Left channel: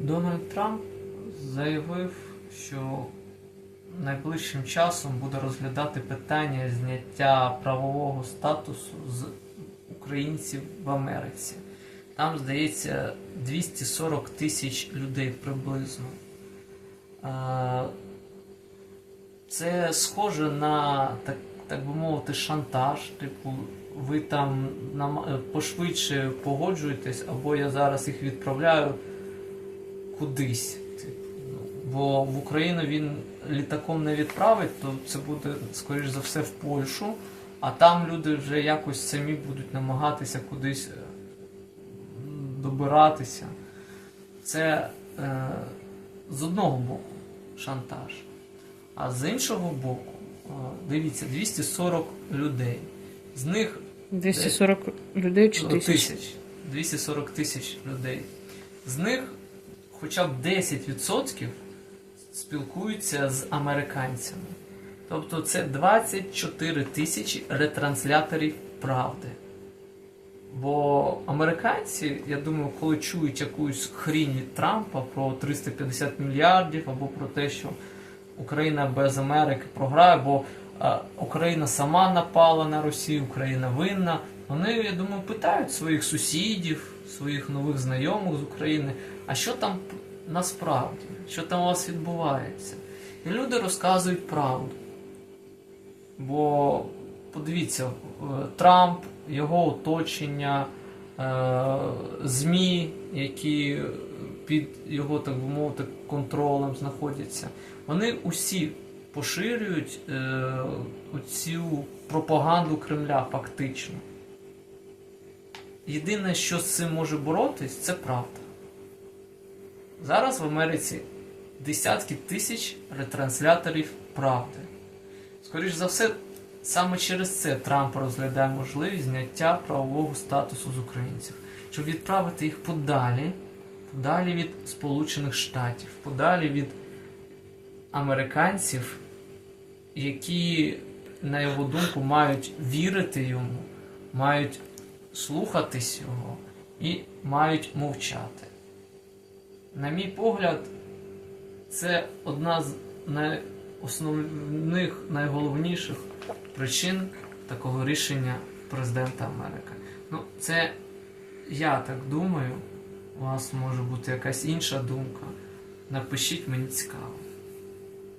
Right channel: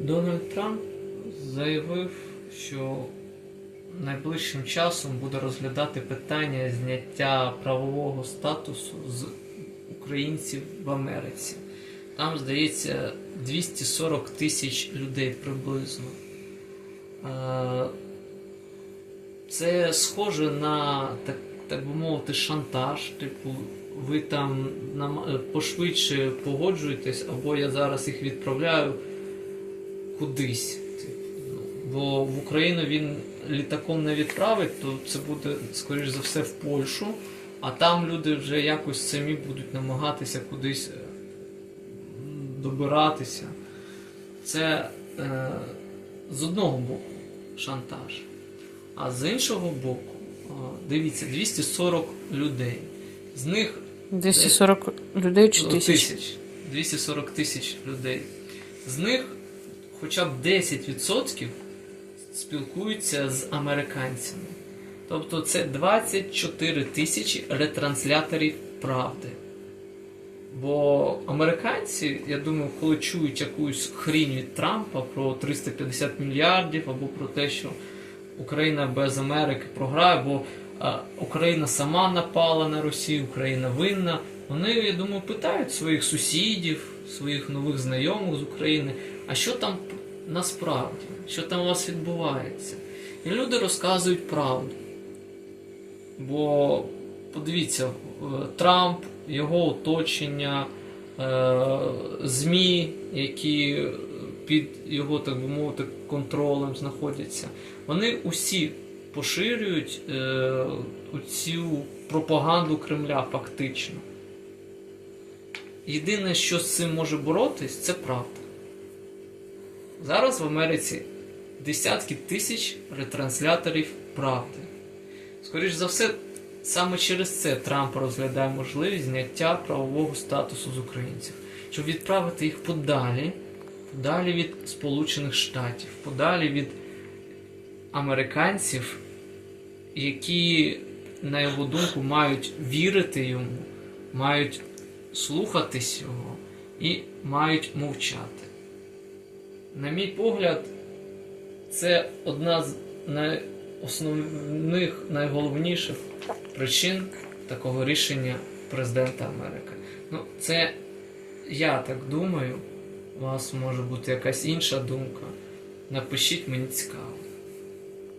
Дональд Трамп заявив, що найближчим часом буде розглядати питання зняття правового статусу з українців в Америці. Там, здається, 240 тисяч людей приблизно. Е, Це схоже на, так, так би мовити, шантаж. Типу, ви там пошвидше погоджуєтесь, або я зараз їх відправляю кудись. Бо в Україну він літаком не відправить, то це буде, скоріш за все, в Польщу, а там люди вже якось самі будуть намагатися кудись е, добиратися. Це е, з одного боку шантаж. А з іншого боку, о, дивіться, 240 людей. З них 240 людей чи Ну, тисяч? 240 тисяч людей. З них хоча б 10% спілкуються з американцями. Тобто це 24 тисячі ретрансляторів правди. Бо американці, я думаю, коли чують якусь хрінь від Трампа про 350 мільярдів або про те, що Україна без Америки програє, бо а, Україна сама напала на Росію, Україна винна. Вони, я думаю, питають своїх сусідів, своїх нових знайомих з України, а що там насправді, що там у вас відбувається. І люди розказують правду. Бо подивіться, е, Трамп, його оточення, е, ЗМІ, які під його, так би мовити, контролем знаходяться, вони усі поширюють е, цю пропаганду Кремля фактично. Єдине, що з цим може боротись, це правда. Зараз в Америці десятки тисяч ретрансляторів правди. Скоріш за все, саме через це Трамп розглядає можливість зняття правового статусу з українців, щоб відправити їх подалі, подалі від Сполучених Штатів, подалі від американців, які, на його думку, мають вірити йому, мають слухатись його і мають мовчати. На мій погляд, це одна з найосновних, найголовніших причин такого рішення президента Америки. Ну, це я так думаю. У вас може бути якась інша думка. Напишіть мені цікаво.